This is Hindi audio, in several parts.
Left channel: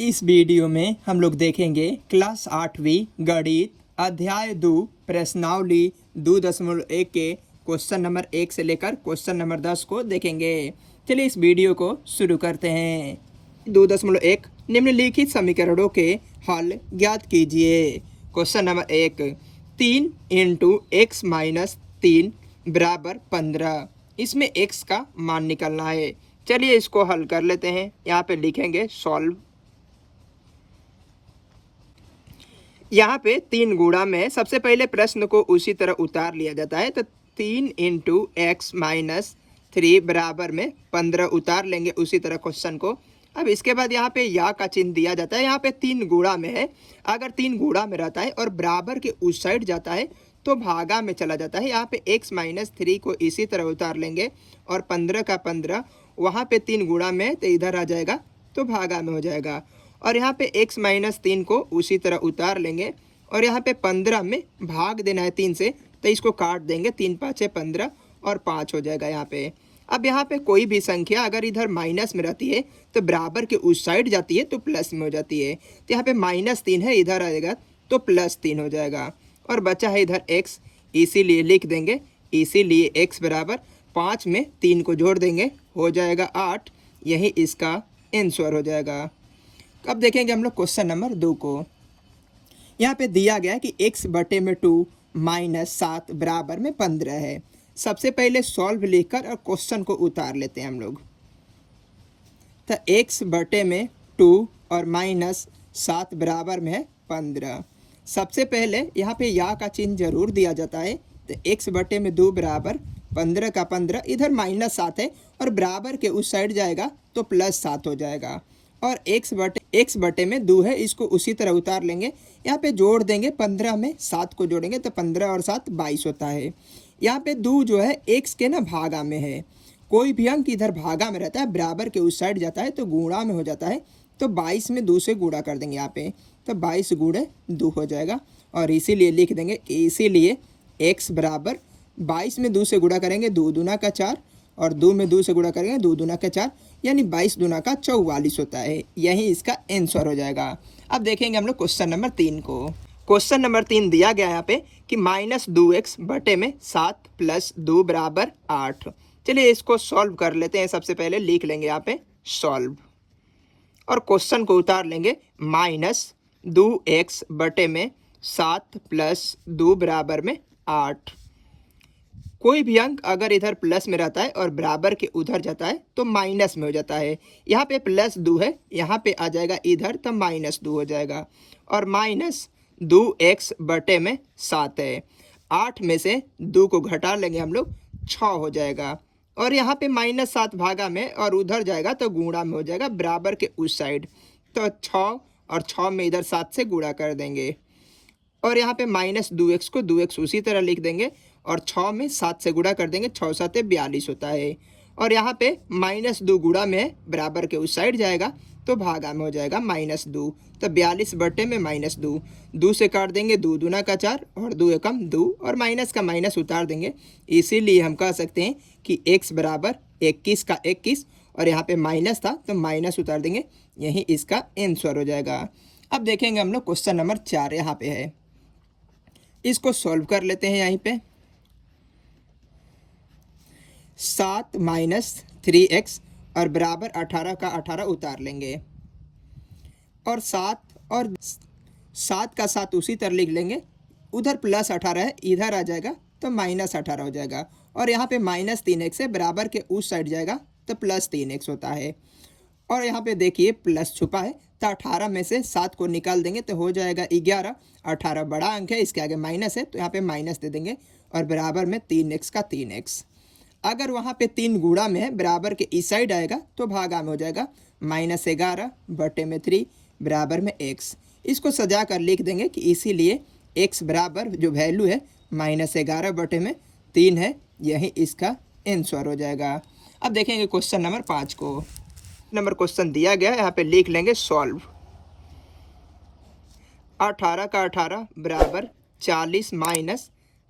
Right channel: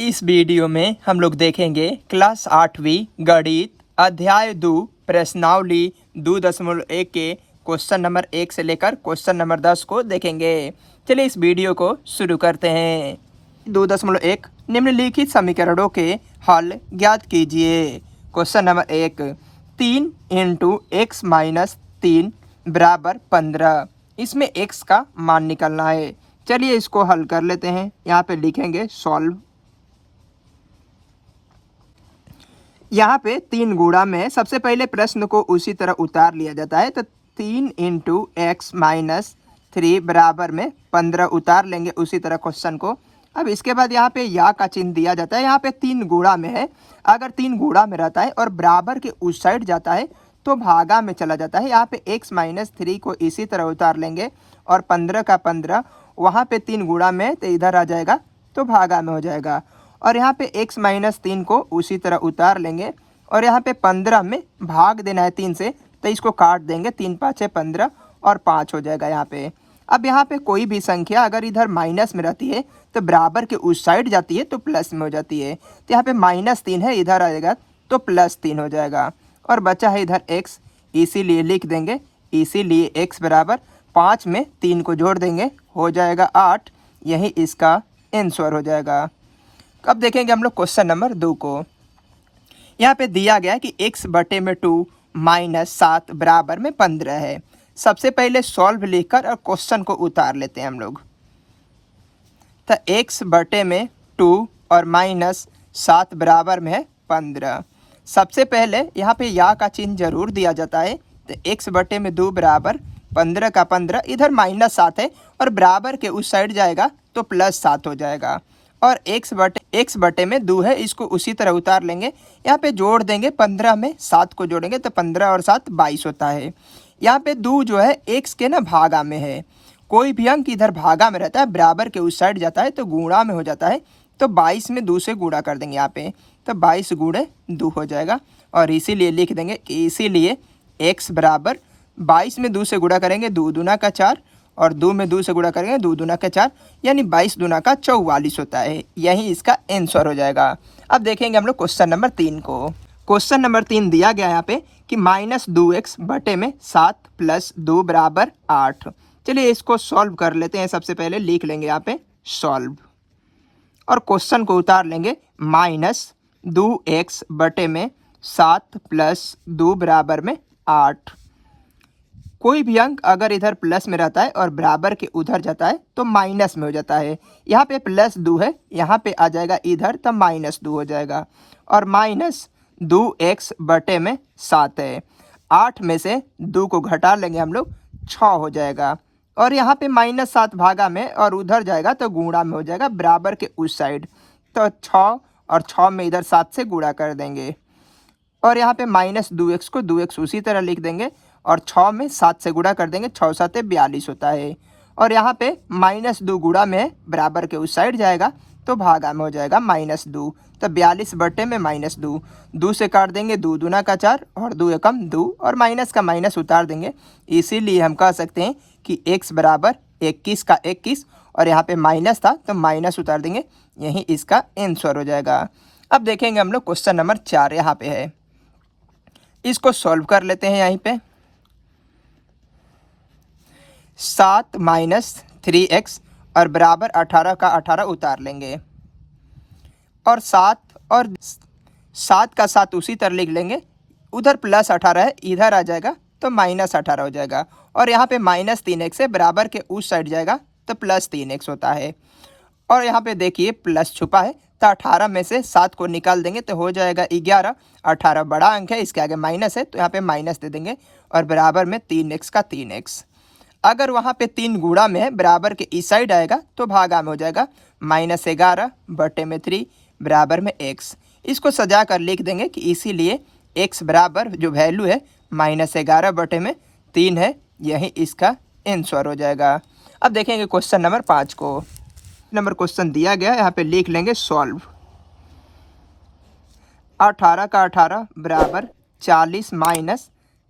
इस वीडियो में हम लोग देखेंगे क्लास 8वीं गणित अध्याय 2 प्रश्नावली 2.1 के क्वेश्चन नंबर 1 से लेकर क्वेश्चन नंबर 10 को देखेंगे। चलिए इस वीडियो को शुरू करते हैं। 2.1 निम्नलिखित समीकरणों के हल ज्ञात कीजिए। Question number 1 3 × x - 3 = 15। इसमें x का मान निकलना है। चलिए इसको हल कर लेते हैं। यहाँ पे लिखेंगे सॉल्व। यहाँ पे 3 गुणा में सबसे पहले प्रश्न को उसी तरह उतार लिया जाता है। तो 3 × x - 3 बराबर में 15 उतार लेंगे उसी तरह क्वेश्चन को। अब इसके बाद यहाँ पे या का चिन्ह दिया जाता है। यहाँ पे 3 गुणा में है। अगर 3 गुणा में रहता है और बराबर के उस साइड जाता है तो भागा में चला जाता है। यहाँ पे x - 3 को इसी तरह उतार लेंगे और 15 का 15 वहाँ पे 3 गुणा में तो इधर आ जाएगा तो भागा में हो जाएगा। और यहाँ पे x - 3 को उसी तरह उतार लेंगे और यहाँ पे 15 में भाग देना है 3 से तो इसको काट देंगे। 3 × 5 = 15 और 5 हो जाएगा यहाँ पे। अब यहाँ पे कोई भी संख्या अगर इधर माइनस में रहती है तो बराबर के उस साइड जाती है तो प्लस में हो जाती है। तो यहाँ पे -3 है, इधर आएगा तो +3 हो जाएगा। और बचा है इधर x, इसीलिए लिख देंगे। इसीलिए x बराबर 5 में 3 को जोड़ देंगे, हो जाएगा 8। यही इसका आंसर हो जाएगा। अब देखेंगे हम लोग क्वेश्चन नंबर 2 को। यहाँ पे दिया गया है कि x/2 - 7 बराबर में 15 है। सबसे पहले सॉल्व लिखकर और क्वेश्चन को उतार लेते हैं हम लोग। तो x/2 और -7 बराबर में है 15। सबसे पहले यहाँ पे या का चिन्ह जरूर दिया जाता है। तो x/2 बराबर 15 का 15 इधर -7 है और बराबर के उस साइड जाएगा तो +7 हो जाएगा। और x/2 है, इसको उसी तरह उतार लेंगे। यहाँ पे जोड़ देंगे, 15 में 7 को जोड़ेंगे तो 15 और 7 22 होता है। यहाँ पे 2 जो है x के ना भागा में है। कोई भी अंक इधर भागा में रहता है बराबर के उस साइड जाता है तो गुणा में हो जाता है। तो 22 में 2 से गुणा कर देंगे यहाँ पे तो 22 × 2 हो जाएगा। और इसीलिए लिख देंगे कि इसीलिए x बराबर 22 में 2 से गुणा करेंगे 2 दूना का 4 और 2 में 2 से गुणा करेंगे 2 दूना का 4 यानी 22 दूना का 44 होता है। यही इसका आंसर हो जाएगा। अब देखेंगे हम लोग क्वेश्चन नंबर 3 को। क्वेश्चन नंबर 3 दिया गया यहाँ पे कि -2x/7 + 2 = 8। चलिए इसको सॉल्व कर लेते हैं। सबसे पहले लिख लेंगे यहाँ पे सॉल्व और क्वेश्चन को उतार लेंगे। -2x/7 + 2 बराबर में 8। कोई भी अंक अगर इधर प्लस में रहता है और बराबर के उधर जाता है तो माइनस में हो जाता है। यहाँ पे +2 है, यहाँ पे आ जाएगा इधर तो -2 हो जाएगा। और -2x/7 है। 8 में से 2 को घटा लेंगे हम लोग, 6 हो जाएगा। और यहाँ पे -7 भागा में और उधर जाएगा तो गुणा में हो जाएगा बराबर के उस साइड। तो 6 और 6 में इधर 7 से गुणा कर देंगे। और यहाँ पे -2x को 2x उसी तरह लिख देंगे और 6 में 7 से गुणा कर देंगे। 6 × 7 = 42 होता है। और यहाँ पे -2 गुणा में बराबर के उस साइड जाएगा तो भागा में हो जाएगा -2। तो 42 में -2, 2 से काट देंगे 2 दूना का 4 और 2 एकम 2 और माइनस का माइनस उतार देंगे। इसीलिए हम कह सकते हैं कि x बराबर 21 का 21 और यहाँ पे माइनस था तो माइनस उतार देंगे। यही इसका आंसर हो जाएगा। अब देखेंगे हम लोग क्वेश्चन नंबर 4 यहाँ पे है। इसको सॉल्व कर लेते हैं। यहीं पे 7 - 3x और बराबर 18 का 18 उतार लेंगे और 7 का 7 उसी तरह लिख लेंगे। उधर +18 है, इधर आ जाएगा तो -18 हो जाएगा। और यहाँ पे -3x है, बराबर के उस साइड जाएगा तो +3x होता है। और यहाँ पे देखिए प्लस छुपा है तो 18 में से 7 को निकाल देंगे तो हो जाएगा 11। 18 बड़ा अंक है, इसके आगे माइनस है तो यहाँ पे माइनस दे देंगे और बराबर में 3x का 3x। अगर वहाँ पे 3 गुणा में है बराबर के इस साइड आएगा तो भागा में हो जाएगा। -11/3 बराबर में x। इसको सजा कर लिख देंगे कि इसीलिए x बराबर जो वैल्यू है -11/3 है। यही इसका आंसर हो जाएगा। अब देखेंगे क्वेश्चन नंबर 5 को। क्वेश्चन दिया गया, यहाँ पे लिख लेंगे सॉल्व। 18 का 18 बराबर 40 -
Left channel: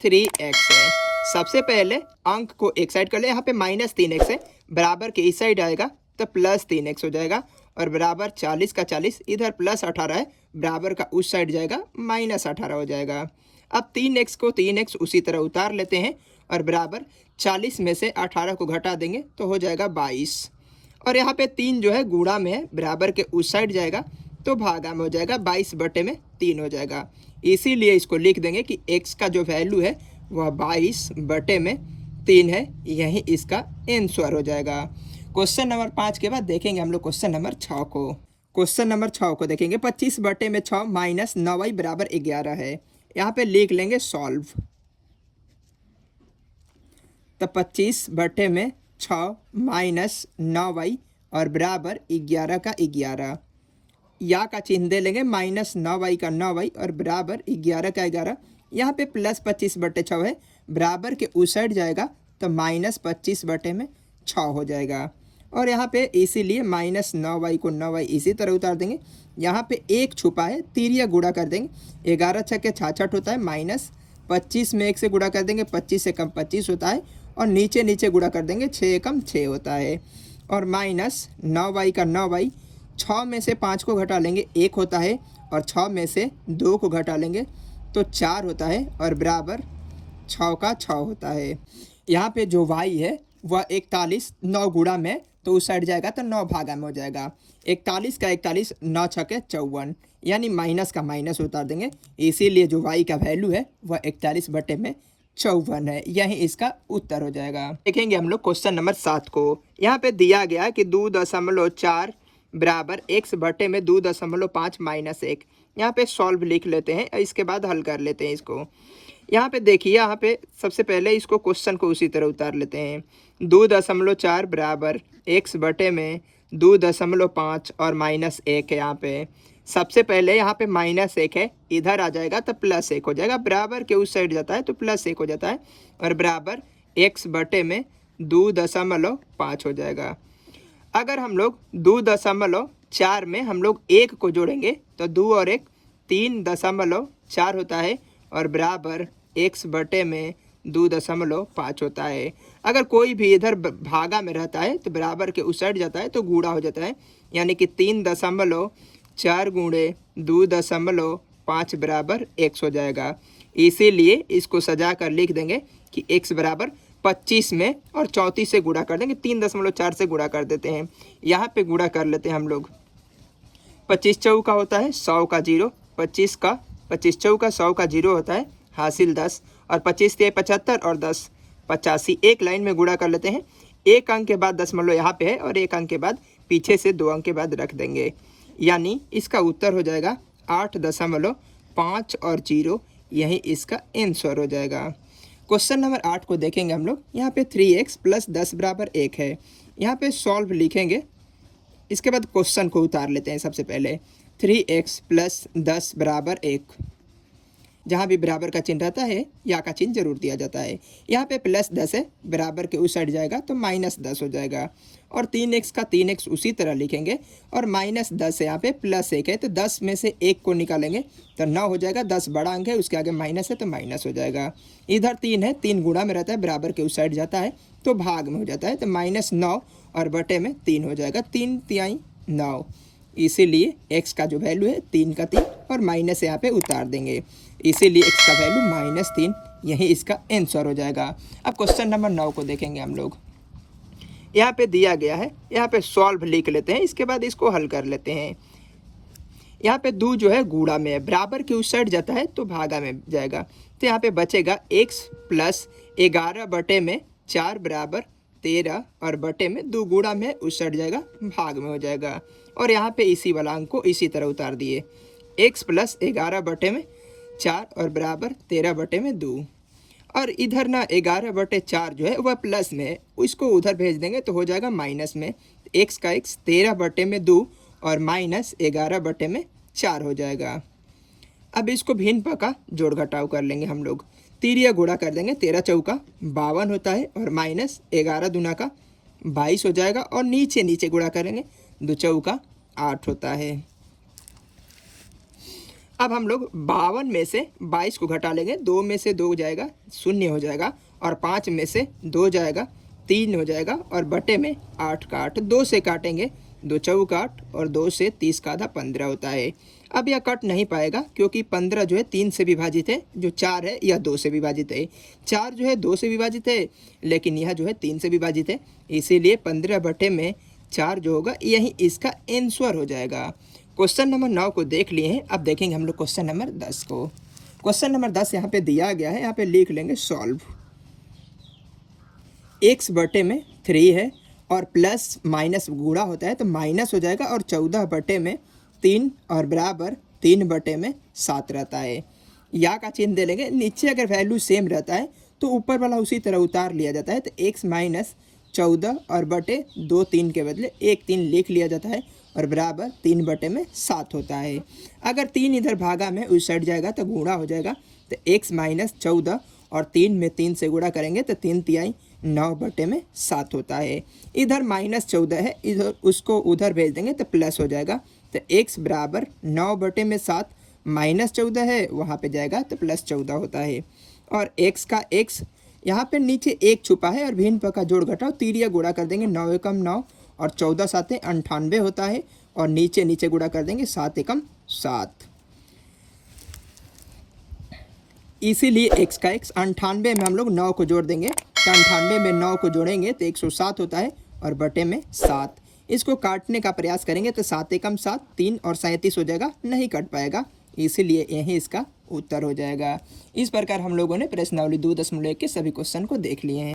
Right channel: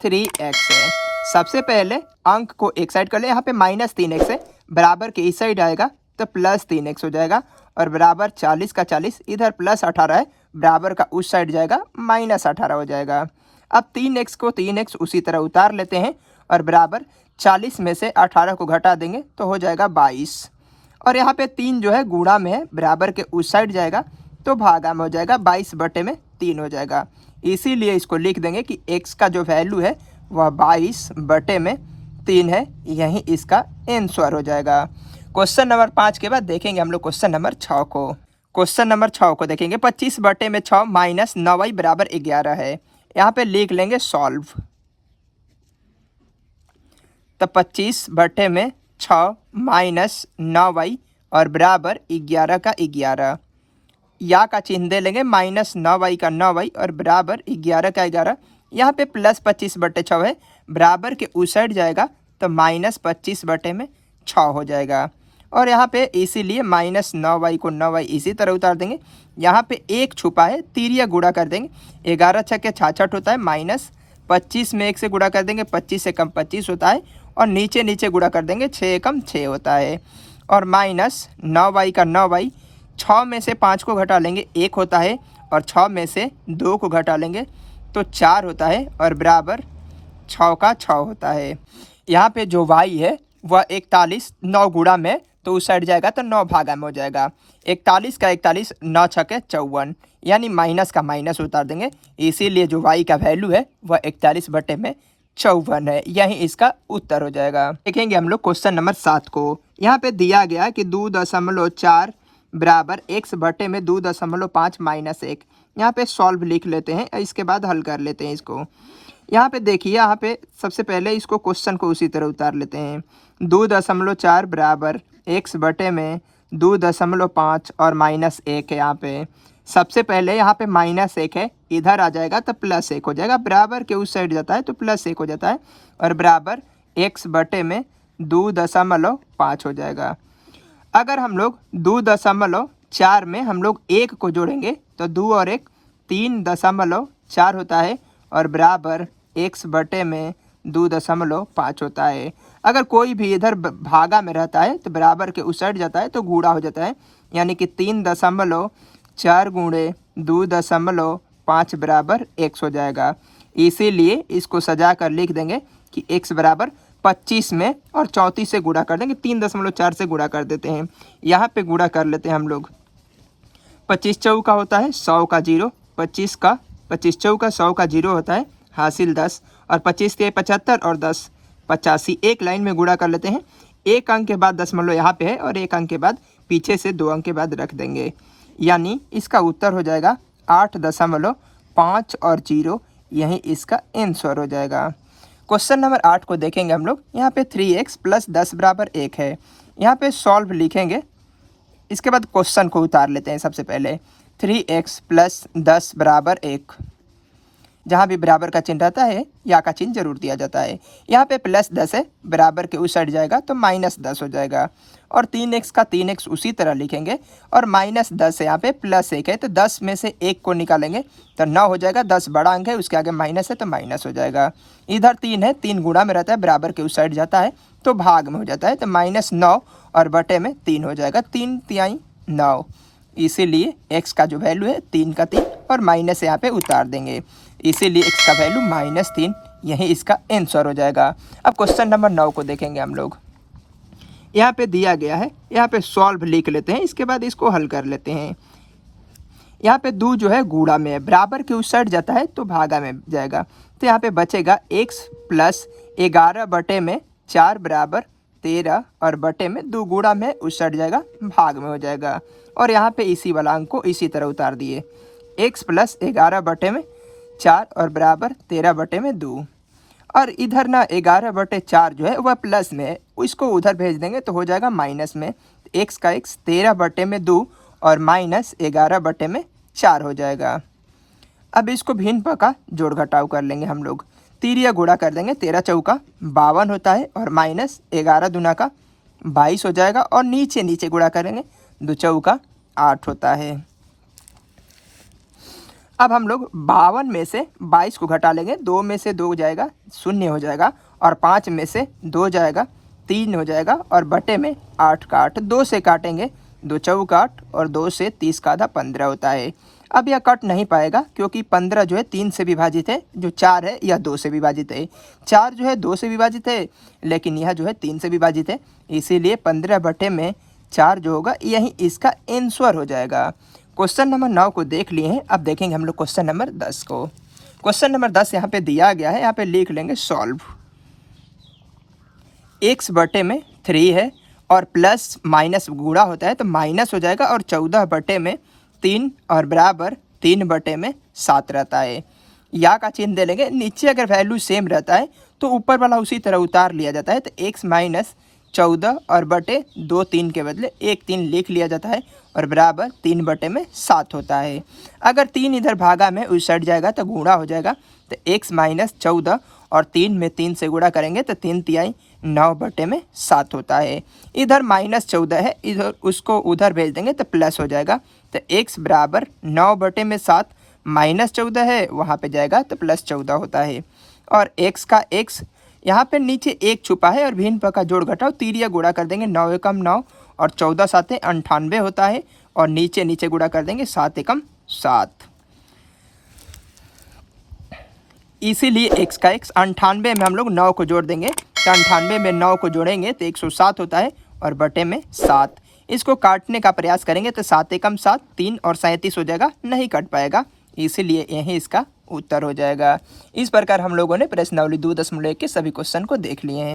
3x है। सबसे पहले अंक को एक साइड कर ले। यहाँ पे -3x है, बराबर के इस साइड आएगा तो +3x हो जाएगा। और बराबर 40 का 40, इधर प्लस 18 है, बराबर का उस साइड जाएगा माइनस 18 हो जाएगा। अब 3x को 3x उसी तरह उतार लेते हैं और बराबर 40 में से 18 को घटा देंगे तो हो जाएगा 22। और यहाँ पे 3 जो है गुणा में है, बराबर के उस साइड जाएगा तो भागा में हो जाएगा, 22 बटे में 3 हो जाएगा। इसीलिए इसको लिख देंगे कि x का जो वैल्यू है वह 22 बटे में 3 है, यही इसका आंसर हो जाएगा। क्वेश्चन नंबर 5 के बाद देखेंगे हम लोग क्वेश्चन नंबर 6 को। क्वेश्चन नंबर 6 को देखेंगे, 25 बटे में 6 माइनस 9y बराबर 11 है। यहाँ पे लिख लेंगे सॉल्व। तो 25 बटे में 6 माइनस 9y और बराबर 11 का 11, या का चिन्ह दे लेंगे, माइनस 9y का 9y और बराबर 11 का 11। यहाँ पे प्लस 25 बटे 6 है, बराबर के उस साइड जाएगा तो माइनस 25 बटे में 6 हो जाएगा। और यहाँ पे इसीलिए माइनस 9y को 9y इसी तरह उतार देंगे। यहाँ पे एक छुपा है, तिरिया गुणा कर देंगे, 11 छक्के 66 होता है, माइनस 25 में 1 से गुणा कर देंगे, 25 से कम 25 होता है, और नीचे नीचे गुणा कर देंगे, 6 कम 6 होता है। और माइनस 9y का 9y, 6 में से 5 को घटा लेंगे 1 होता है, और 6 में से 2 को घटा लेंगे तो 4 होता है, और बराबर 6 का 6 होता है। यहाँ पे जो y है वह 41, 9 गुणा में तो उस साइड जाएगा तो 9 भागा में हो जाएगा, 41 का 41, 9 छक्के 54, यानी माइनस का माइनस उतार देंगे। इसीलिए जो y का वैल्यू है वह 41 बटे में 54 है, यही इसका उत्तर हो जाएगा। देखेंगे हम लोग क्वेश्चन नंबर 7 को। यहाँ पे दिया गया कि 2.4 बराबर x बटे में 2.5 माइनस 1। यहाँ पे सॉल्व लिख लेते हैं, इसके बाद हल कर लेते हैं इसको। यहाँ पे देखिए, यहाँ पे सबसे पहले इसको क्वेश्चन को उसी तरह उतार लेते हैं। 2.4 बराबर x बटे में 2.5 और माइनस 1 है। यहाँ पे सबसे पहले यहाँ पे माइनस 1 है, इधर आ जाएगा तो प्लस 1 हो जाएगा, बराबर के उस साइड जाता है तो प्लस 1 हो जाता है, और बराबर x बटे में 2.5 हो जाएगा। अगर हम लोग 2.4 में हम लोग 1 को जोड़ेंगे तो 2 और 1 3.4 होता है, और बराबर x बटे में 2.5 होता है। अगर कोई भी इधर भागा में रहता है तो बराबर के उस साइड जाता है तो गुणा हो जाता है, यानी कि 3.4 गुणे 2.5 बराबर x हो जाएगा। इसीलिए इसको सजा कर लिख देंगे कि x बराबर 25 में और 34 से गुणा कर देंगे, 3.4 से गुणा कर देते हैं। यहाँ पे गुणा कर लेते हैं हम लोग। 25 चौका होता है 100 का 0, 25 चौका 100 का 0 होता है, हासिल 10, और 25 के 75 और 10 85। एक लाइन में गुणा कर लेते हैं, एक अंक के बाद दशमलव यहाँ पे है और एक अंक के बाद पीछे से 2 अंक के बाद रख देंगे, यानी इसका उत्तर हो जाएगा 8.5 और 0, यही इसका आंसर हो जाएगा। क्वेश्चन नंबर 8 को देखेंगे हम लोग। यहाँ पे 3x प्लस 10 बराबर 1 है। यहाँ पे सॉल्व लिखेंगे, इसके बाद क्वेश्चन को उतार लेते हैं। सबसे पहले 3x प्लस 10 बराबर 1, जहाँ भी बराबर का चिन्ह रहता है या का चिन्ह जरूर दिया जाता है। यहाँ पे प्लस 10 है, बराबर के उस साइड जाएगा तो माइनस 10 हो जाएगा, और 3x का 3x उसी तरह लिखेंगे, और माइनस 10 है, यहाँ पे प्लस 1 है तो 10 में से 1 को निकालेंगे तो 9 हो जाएगा। 10 बड़ा अंक है, उसके आगे माइनस है तो माइनस हो जाएगा। इधर 3 है, 3 गुणा में रहता है, बराबर के उस साइड जाता है तो भाग में हो जाता है, तो -9 और बटे में 3 हो जाएगा, 3 तिहाई 9। इसीलिए x का जो वैल्यू है 3 का 3 और माइनस यहाँ पे उतार देंगे, इसीलिए x का वैल्यू -3, यही इसका आंसर हो जाएगा। अब क्वेश्चन नंबर 9 को देखेंगे हम लोग। यहाँ पे दिया गया है, यहाँ पे सॉल्व लिख लेते हैं, इसके बाद इसको हल कर लेते हैं। यहाँ पे 2 जो है गुणा में है, बराबर के उस साइड जाता है तो भागा में जाएगा, तो यहाँ पे बचेगा x प्लस 11 बटे में 4 बराबर 13, और बटे में 2 गुणा में उस साइड जाएगा, भाग में हो जाएगा। और यहाँ पे इसी वाला अंक को इसी तरह उतार दिए, x प्लस 11 बटे में 4 और बराबर 13 बटे में 2, और इधर ना 11 बटे 4 जो है वह प्लस में है, इसको उधर भेज देंगे तो हो जाएगा माइनस में। x का x 13 बटे में 2 और माइनस 11 बटे में 4 हो जाएगा। अब इसको भिन्न पका जोड़ घटाव कर लेंगे हम लोग, तिरिया गुणा कर देंगे, 13 चौका 52 होता है, और माइनस 11 दूना का 22 हो जाएगा, और नीचे नीचे गुणा करेंगे, 2 चौका 8 होता है। अब हम लोग 52 में से 22 को घटा लेंगे, 2 में से 2 जाएगा 0 हो जाएगा, और 5 में से 2 जाएगा 3 हो जाएगा, और बटे में 8 का 8, 2 से काटेंगे 2 चौक 8 और 2 से 30 का आधा 15 होता है। अब यह कट नहीं पाएगा क्योंकि 15 जो है 3 से विभाजित है, जो 4 है यह 2 से विभाजित है। 4 जो है 2 से विभाजित है, लेकिन यह जो है 3 से विभाजित है, इसीलिए 15/4 जो होगा यही इसका आंसर हो जाएगा। क्वेश्चन नंबर 9 को देख लिए हैं। अब देखेंगे हम लोग क्वेश्चन नंबर 10 को। क्वेश्चन नंबर 10 यहाँ पे दिया गया है, यहाँ पे लिख लेंगे सॉल्व। x/3 है और प्लस माइनस गुणा होता है तो माइनस हो जाएगा, और 14/3 और बराबर 3/7 रहता है। या का चिन्ह दे लेंगे। नीचे अगर वैल्यू सेम रहता है तो ऊपर वाला उसी तरह उतार लिया जाता है, तो x - 14 और बटे 2 3 के बदले 1 3 लिख लिया जाता है और बराबर 3/7 होता है। अगर 3 इधर भागा में उस साइड जाएगा तो गुणा हो जाएगा, तो x - 14 और 3 में 3 से गुणा करेंगे तो 3 तिहाई 9/7 होता है। इधर -14 है, इधर उसको उधर भेज देंगे तो प्लस हो जाएगा, तो x बराबर 9/7 -14 है, वहाँ पे जाएगा तो +14 होता है। और x का x यहाँ पे नीचे 1 छुपा है और भिन्न पद का जोड़ घटाओ तिरिया गुणा कर देंगे, 9 एकम 9 और 14 7 98 होता है, और नीचे नीचे गुणा कर देंगे 7 एकम 7। इसीलिए x का x 98 में हम लोग 9 को जोड़ देंगे, तो 98 में 9 को जोड़ेंगे तो 107 होता है और बटे में 7। इसको काटने का प्रयास करेंगे तो 7 एकम 7 3 और 37 हो जाएगा, नहीं कट पाएगा, इसीलिए यही इसका उत्तर हो जाएगा। इस प्रकार हम लोगों ने प्रश्नावली 2.1 के सभी क्वेश्चन को देख लिए हैं।